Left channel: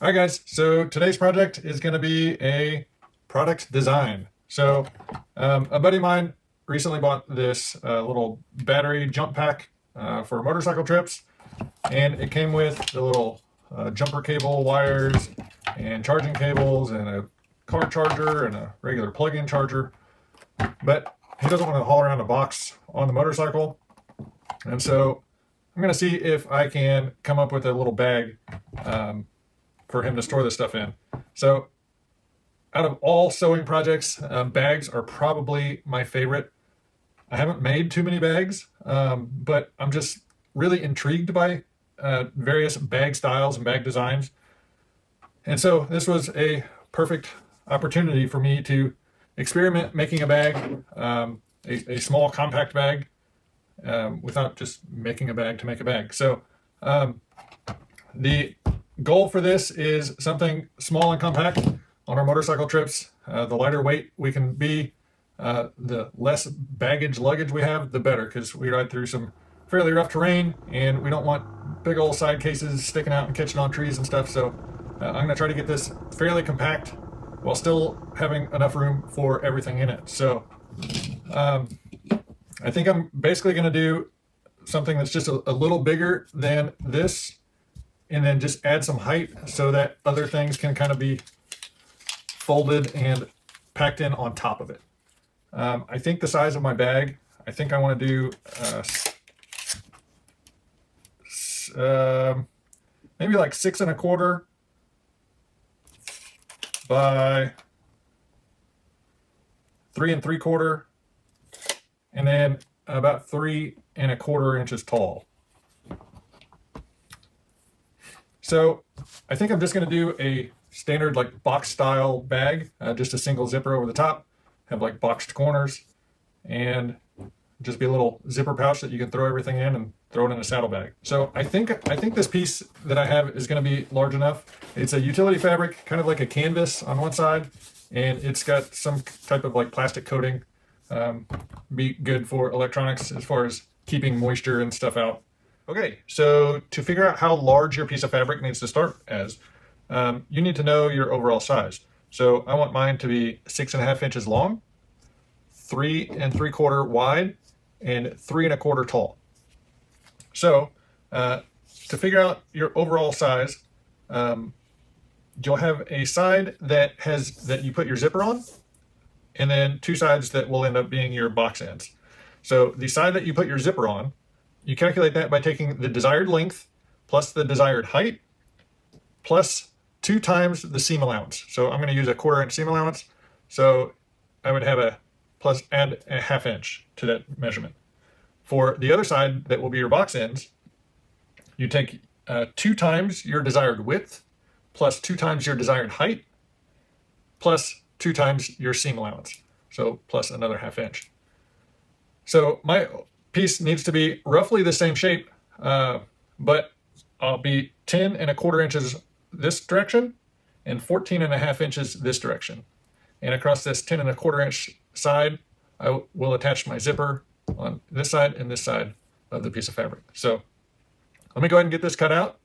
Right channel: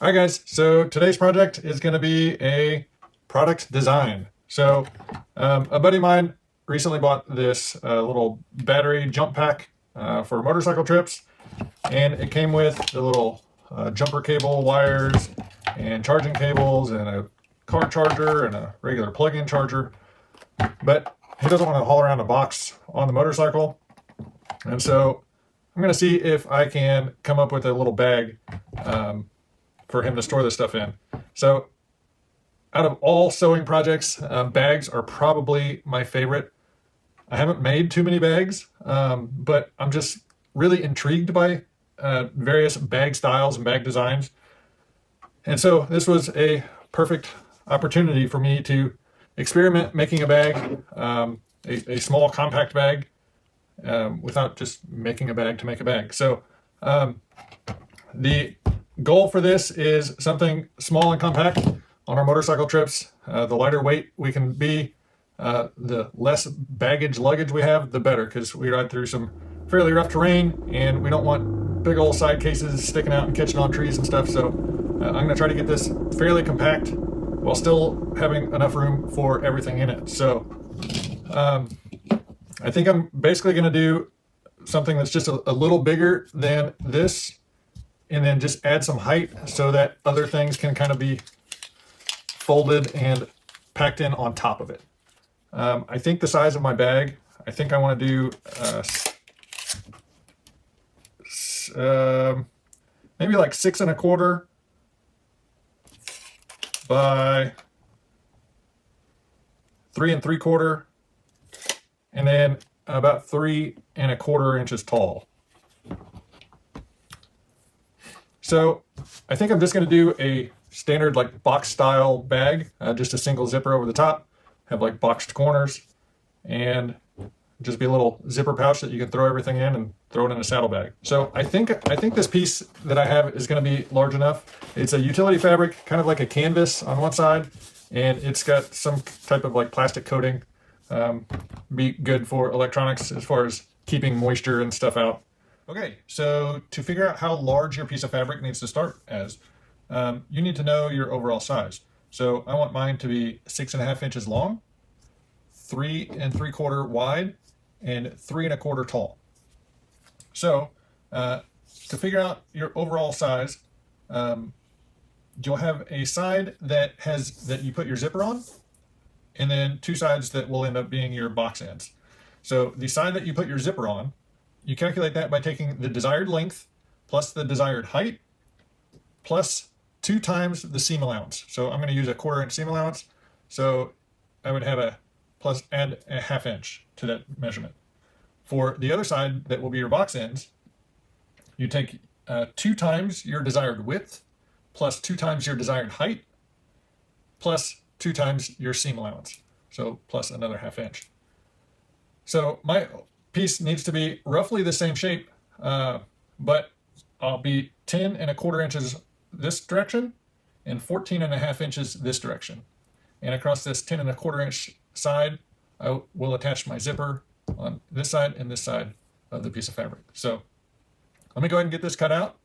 All right, guys, so today's project is going to be a product design. So a buddy of mine recently bought this little battery jump pack for motorcycle trips, and it came with the little jumper cable wires and charging cables and a car charger and a regular plug-in charger. But he doesn't want to haul around a box on the motorcycle, and so I'm going to see if I can come up with a little bag for him to store this stuff in. So out of all sewing projects, bags are probably my favorite. I haven't made too many bags, but I'm just really intrigued by various bag styles and bag designs. And so this was a perfect opportunity for me to experiment making a bag, a small compact bag, without just making a bag to make a bag. So the goal for this is something small and compact on our motorcycle trips. The lighter weight we can be, the less baggage luggage we have, the better, because we ride through some fairly rough terrain and we don't want big old side cases sticking out and catching on trees and stuff. So I'm going to try to get this fairly compact while still having enough room for everything in it. So I think I'm basically going to do something that's just a little bigger than this, and then just add some height so that other things can kind of be folded and packed in on top of it. I think the size of my bag, I think I want to do maybe like 6¼ by 3¾ and then about 3¼ inches tall. So I think I'm just going to do a standard like box style bag, just a single zipper over the top, have like boxed corners, and just be a little zipper pouch that you can throw everything in and throw it in a saddlebag. So I think this piece that I have is going to be large enough. It's a utility fabric, kind of like a canvas on one side, and it's got some type of like plastic coating. Be good for electronics as far as keeping moisture and stuff out. Okay, so to figure out how large your piece of fabric needs to start as, you need to know your overall size. So I want mine to be 6½ inches long, 3¾ wide, and 3¼ tall. So to figure out your overall size, you'll have a side that you put your zipper on, and then two sides that will end up being your box ends. So the side that you put your zipper on, you calculate that by taking the desired length plus the desired height plus 2 times the seam allowance. So I'm going to use a 1/4 inch seam allowance. So I would have add a 1/2 inch to that measurement. For the other side that will be your box ends, you take 2 times your desired width plus 2 times your desired height plus 2 times your seam allowance. So plus another 1/2 inch. So my piece needs to be roughly the same shape, but I'll be 10¼ inches this direction and 14½ inches this direction. And across this 10¼ inch side, I will attach my zipper on this side and this side of the piece of fabric. So let me go ahead and get this cut out.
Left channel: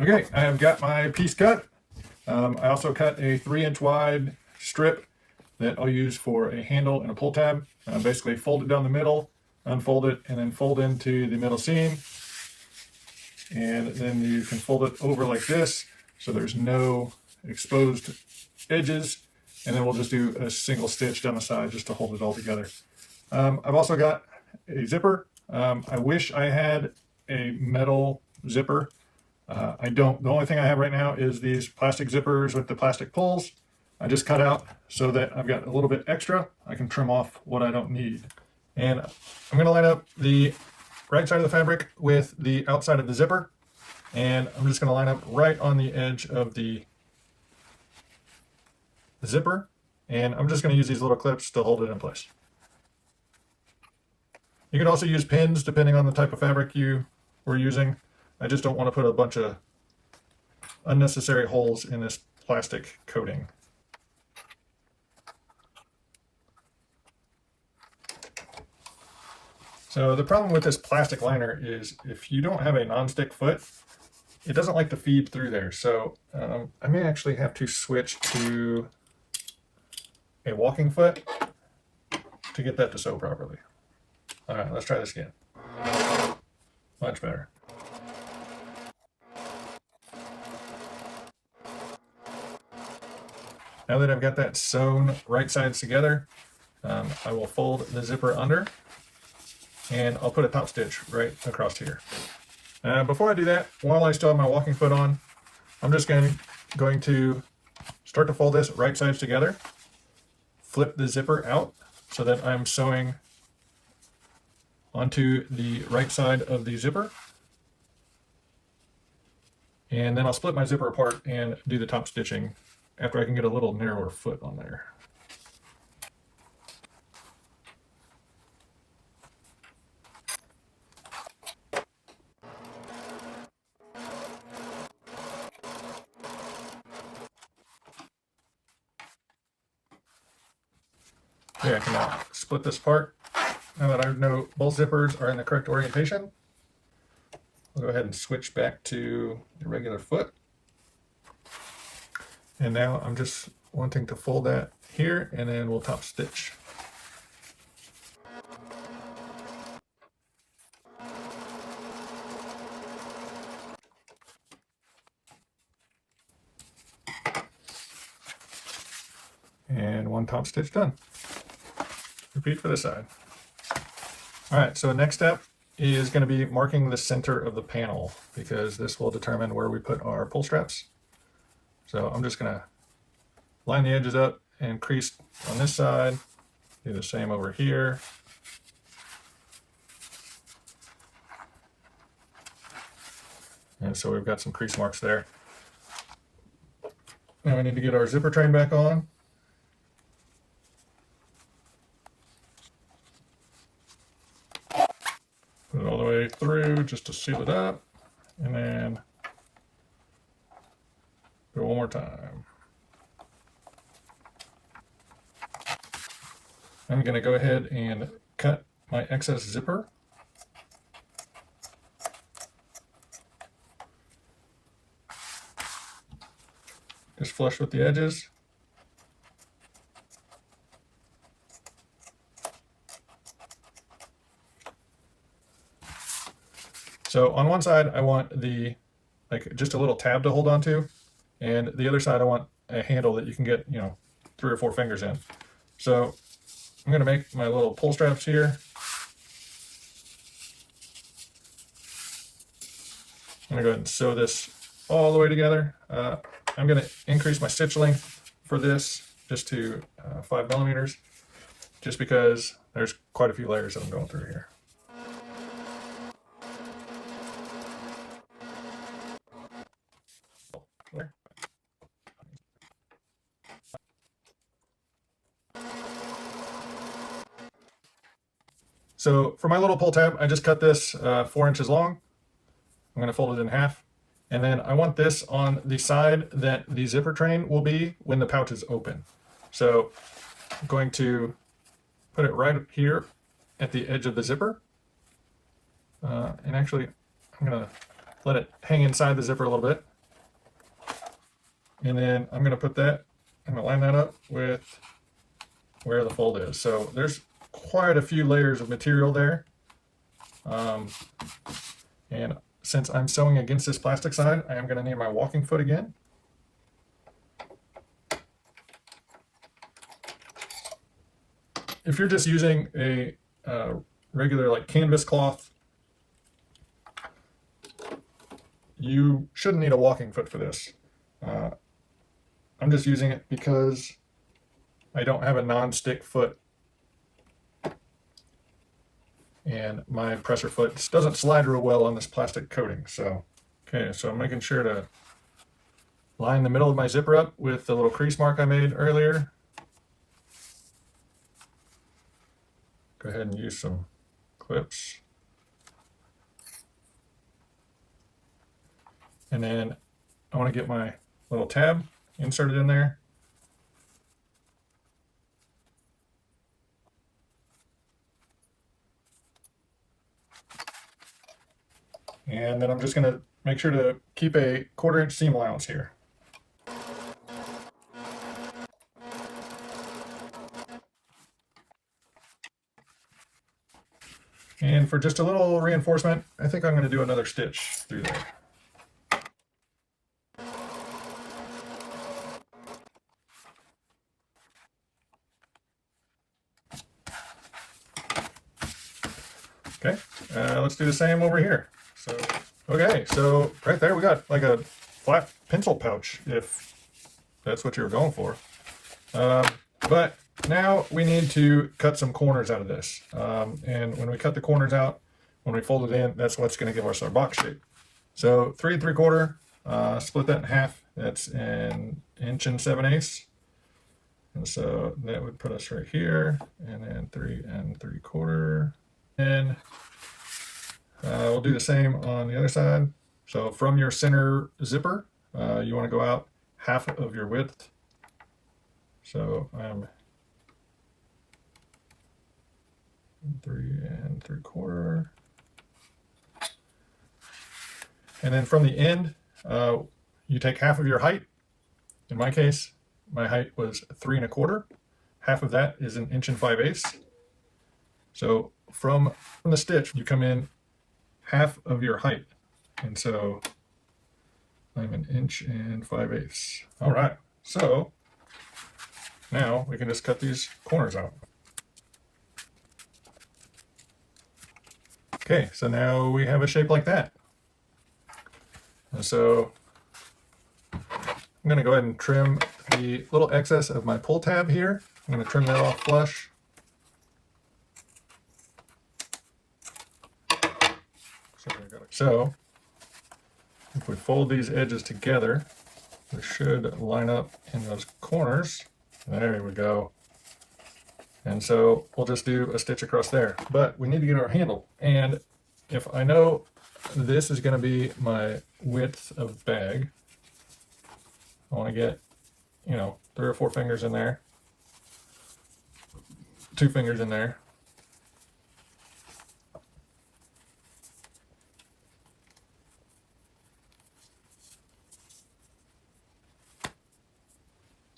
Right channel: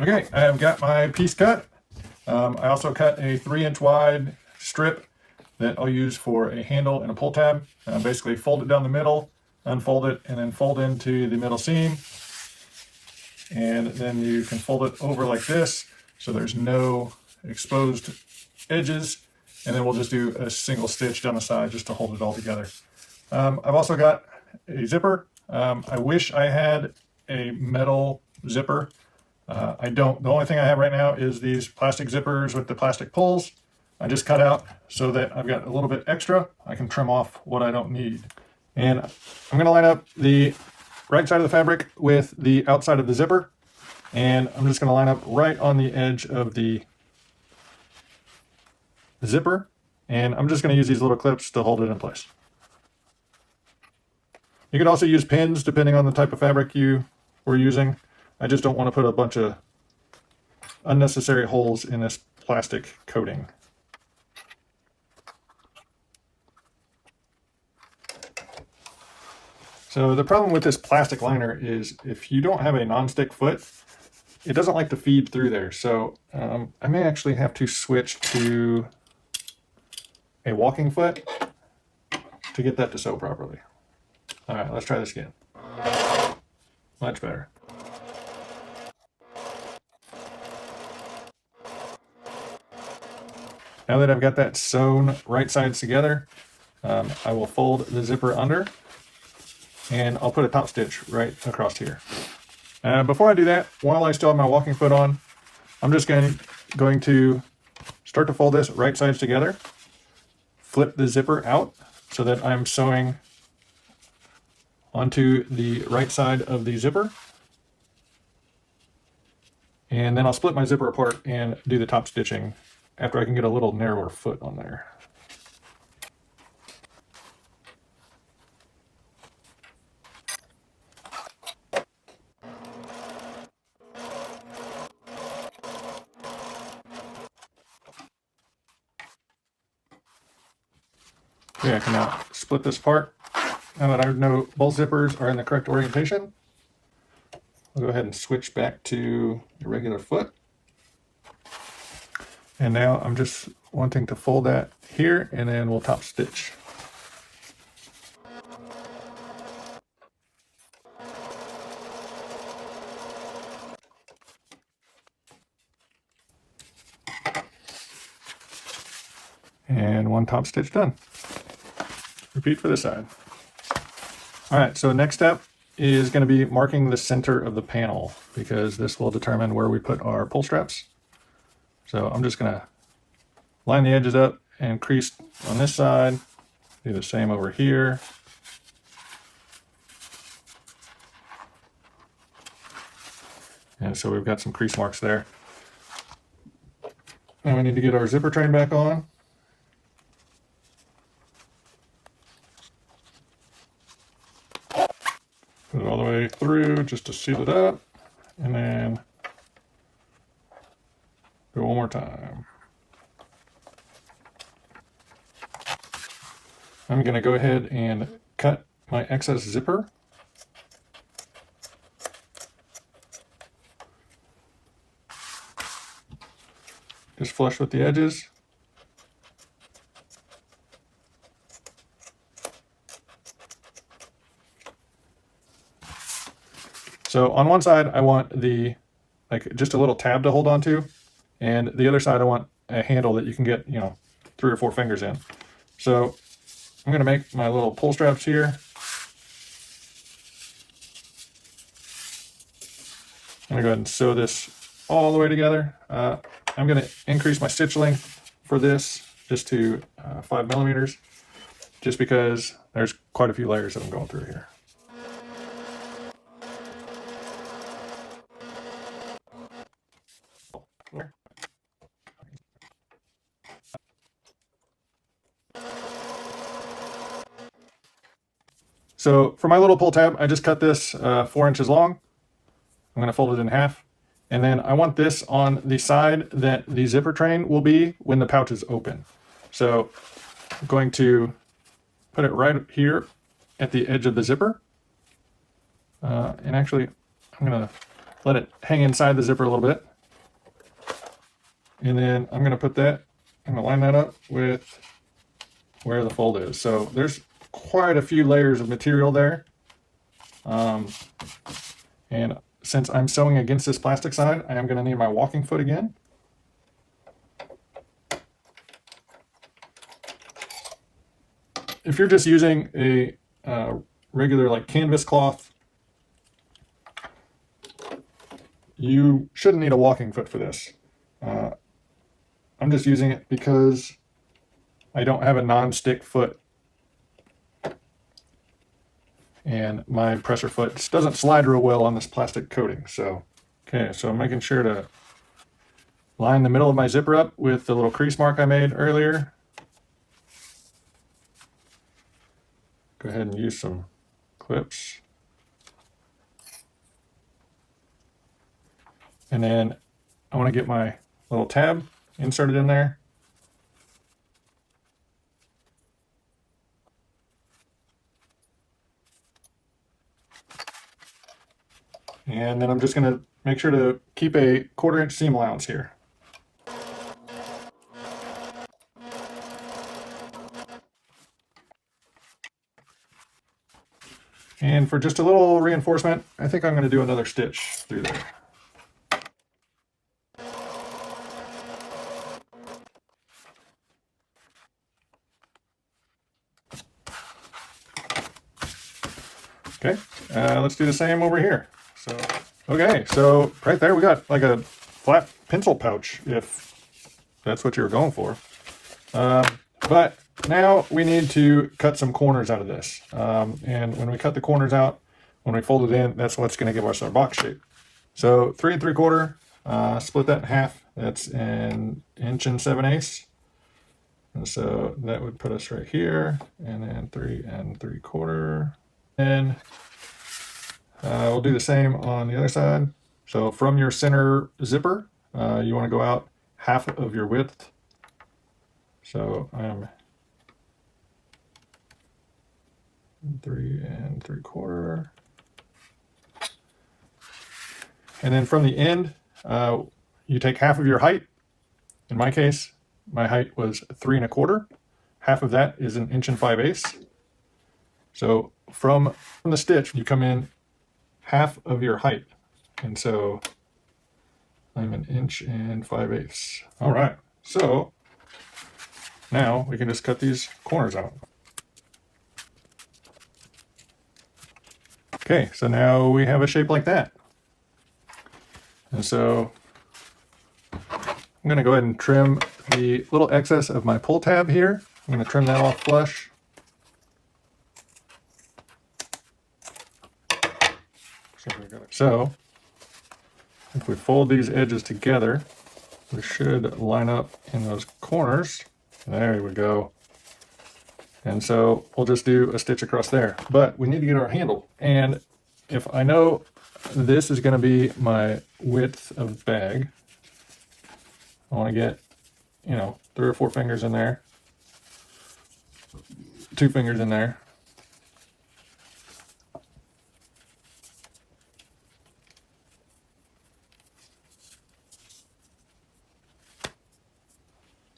Okay, I have got my piece cut. I also cut a 3-inch wide strip that I'll use for a handle and a pull tab. Basically fold it down the middle, unfold it, and then fold into the middle seam. And then you can fold it over like this so there's no exposed edges. And then we'll just do a single stitch down the side just to hold it all together. I've also got a zipper. I wish I had a metal zipper. I don't. The only thing I have right now is these plastic zippers with the plastic pulls. I just cut out so that I've got a little bit extra. I can trim off what I don't need. And I'm going to line up the right side of the fabric with the outside of the zipper. And I'm just going to line up right on the edge of the zipper. And I'm just going to use these little clips to hold it in place. You can also use pins depending on the type of fabric you were using. I just don't want to put a bunch of unnecessary holes in this plastic coating. So the problem with this plastic liner is if you don't have a non-stick foot, it doesn't like to feed through there. So I may actually have to switch to a walking foot to get that to sew properly. All right, let's try this again. Much better. Now that I've got that sewn right sides together, I will fold the zipper under and I'll put a top stitch right across here. Before I do that, while I still have my walking foot on, I'm just going to start to fold this right sides together, flip the zipper out so that I'm sewing onto the right side of the zipper. And then I'll split my zipper apart and do the top stitching after I can get a little narrower foot on there. Okay, I can now split this apart. Now that I know both zippers are in the correct orientation, I'll go ahead and switch back to the regular foot. And now I'm just wanting to fold that here, and then we'll top stitch. And one top stitch done. Repeat for this side. All right, so the next step is going to be marking the center of the panel, because this will determine where we put our pull straps. So I'm just going to line the edges up and crease on this side, do the same over here. And so we've got some crease marks there. Now we need to get our zipper train back on. Put it all the way through just to seal it up, and then do it one more time. I'm going to go ahead and cut my excess zipper. Just flush with the edges. So on one side, I want just a little tab to hold on to, and the other side, I want a handle that you can get, 3 or 4 fingers in. So I'm going to make my little pull straps here. I'm going to go ahead and sew this all the way together. I'm going to increase my stitch length for this just to 5 millimeters, just because there's quite a few layers that I'm going through here. So for my little pull tab, I just cut this 4 inches long. I'm going to fold it in half. And then I want this on the side that the zipper train will be when the pouch is open. So I'm going to put it right here at the edge of the zipper. And actually, I'm going to let it hang inside the zipper a little bit. And then I'm going to line that up with where the fold is. So there's quite a few layers of material there. And since I'm sewing against this plastic side, I am going to need my walking foot again. If you're just using a regular canvas cloth, you shouldn't need a walking foot for this. I'm just using it because I don't have a non-stick foot, and my presser foot just doesn't slide real well on this plastic coating. So, okay, so I'm making sure to line the middle of my zipper up with the little crease mark I made earlier. Go ahead and use some clips. And then I want to get my little tab inserted in there. And then I'm just going to make sure to keep a 1/4 inch seam allowance here. And for just a little reinforcement, I think I'm going to do another stitch through there. Okay, let's do the same over here. So, okay, so right there we got like a flat pencil pouch, if that's what you were going for. But now we need to cut some corners out of this. And when we cut the corners out, when we fold it in, that's what's going to give us our box shape. So 3 3/4, split that in half. That's 1 7/8. And so that would put us right here, and then 3 3/4. And we'll do the same on the other side. So from your center zipper, you want to go out half of your width. So I'm 3 3/4. And then from the end, you take half of your height. In my case, my height was 3 1/4. Half of that is 1 5/8. So from the stitch, you come in half of your height. And so I'm 1 5/8. All right. So now we can just cut these corners out. Okay, so now we have a shape like that. And so I'm going to go ahead and trim the little excess of my pull tab here. I'm going to trim that off flush. So if we fold these edges together, we should line up in those corners. There we go. And so we'll just do a stitch across there. But we need to get our handle. And if I know this is going to be my width of bag, I want to get, 3 or 4 fingers in there, 2 fingers in there.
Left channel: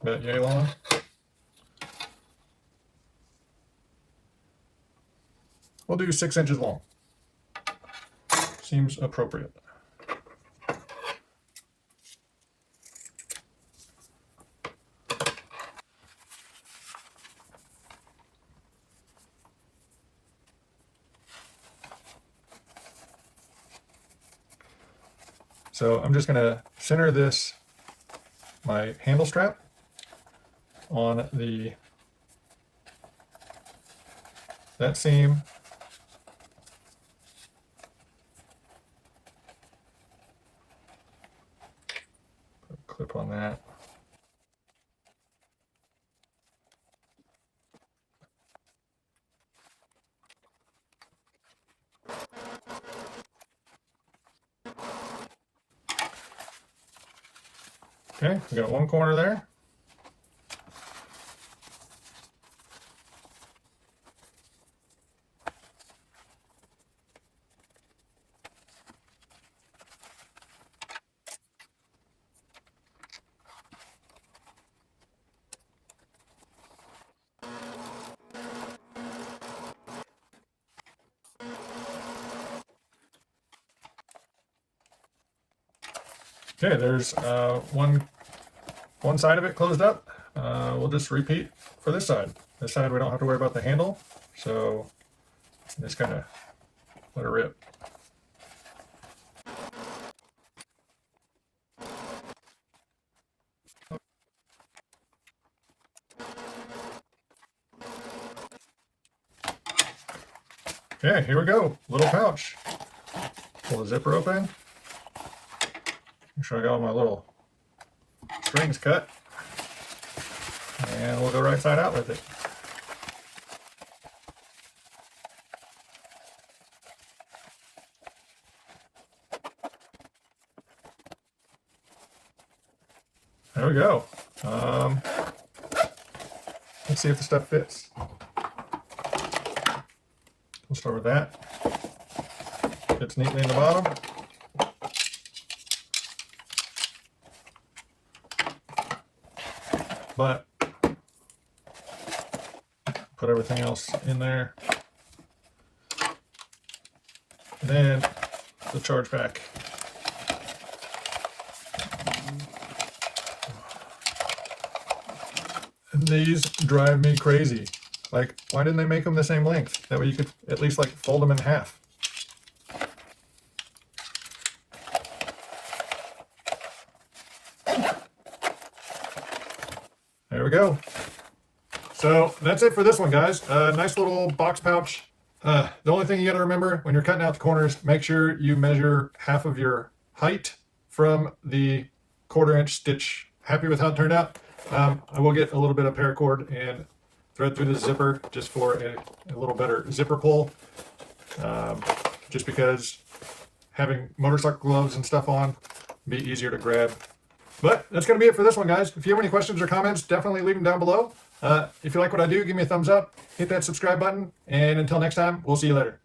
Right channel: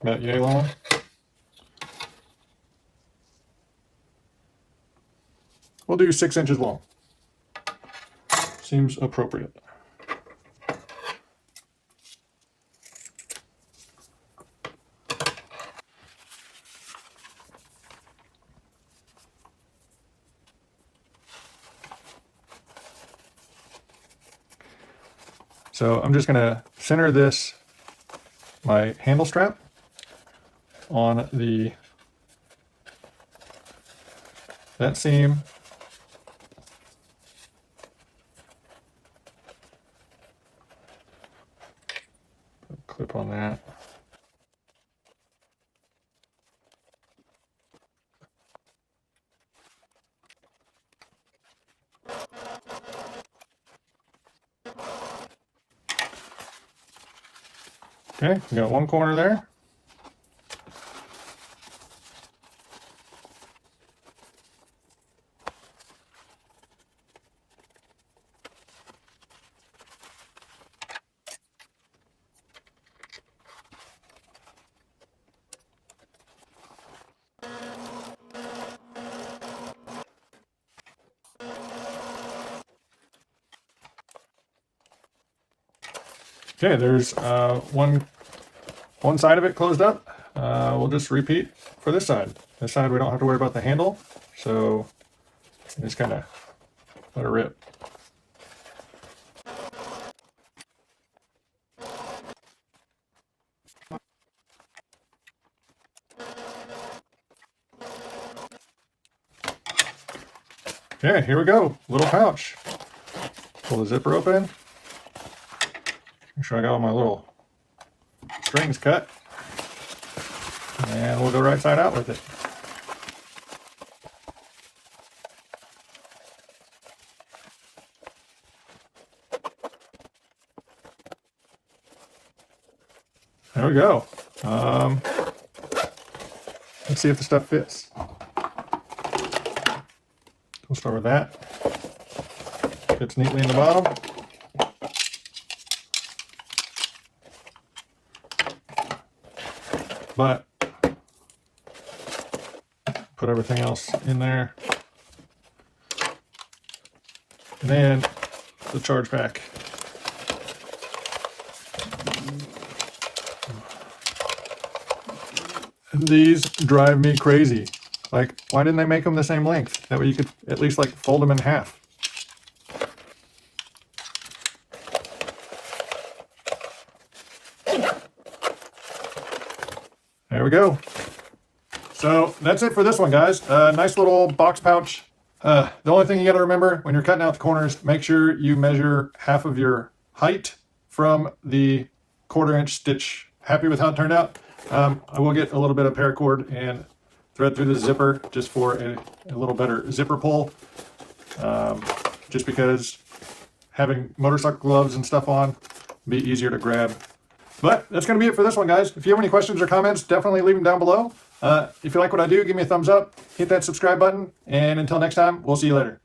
About yay long. We'll do 6 inches long. Seems appropriate. So I'm just going to center this, my handle strap, on that seam. Put a clip on that. Okay, we got one corner there. Okay, there's one side of it closed up. We'll just repeat for this side. This side we don't have to worry about the handle, so just kind of let it rip. Okay, here we go. Little pouch. Pull the zipper open. Make sure I got all my little strings cut. And we'll go right side out with it. There we go. Let's see if the stuff fits. We'll start with that. Fits neatly in the bottom. but put everything else in there. And then the charge pack. And these drive me crazy. Like, why didn't they make them the same length? That way you could at least like fold them in half. There we go. So that's it for this one, guys. Nice little box pouch. The only thing you got to remember when you're cutting out the corners, make sure you measure half of your height from the 1/4 inch stitch. Happy with how it turned out. I will get a little bit of paracord and thread through the zipper just for a little better zipper pull. Just because having motorcycle gloves and stuff on be easier to grab. But that's going to be it for this one, guys. If you have any questions or comments, definitely leave them down below. If you like what I do, give me a thumbs up, hit that subscribe button, and until next time, we'll see you later.